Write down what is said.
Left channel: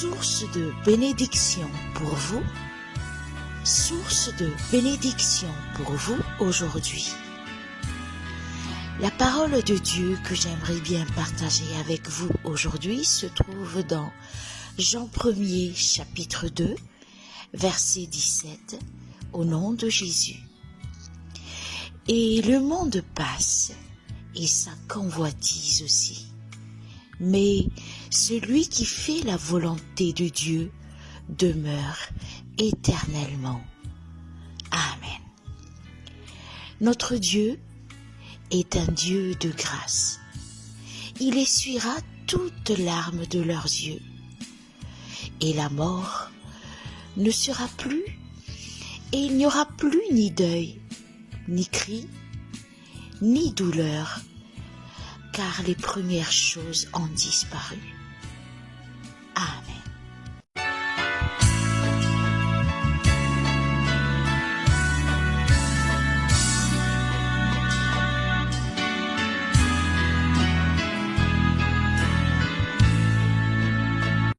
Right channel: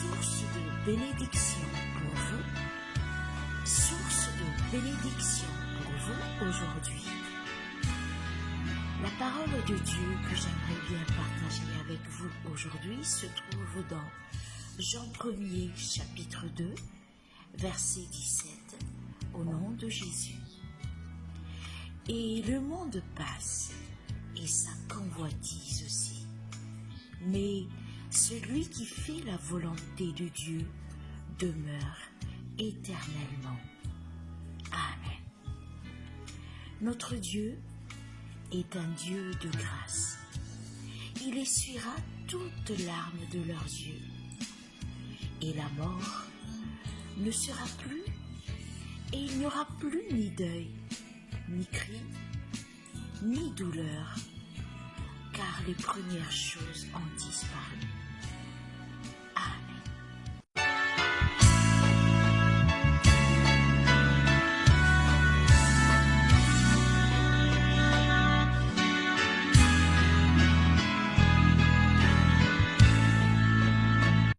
source de bénédiction pour vous, source de bénédiction pour vous aujourd'hui. La parole de Dieu que j'aimerais bien partager avec vous aujourd'hui se trouve dans Jean 1er chapitre 2, verset 17, au nom de Jésus. Et le monde passe, et sa convoitise aussi. Mais celui qui fait la volonté de Dieu demeure éternellement. Amen. Notre Dieu est un Dieu de grâce. Il essuiera toutes larmes de leurs yeux. Et la mort ne sera plus, et il n'y aura plus ni deuil, ni cri, ni douleur, car les premières choses ont disparu.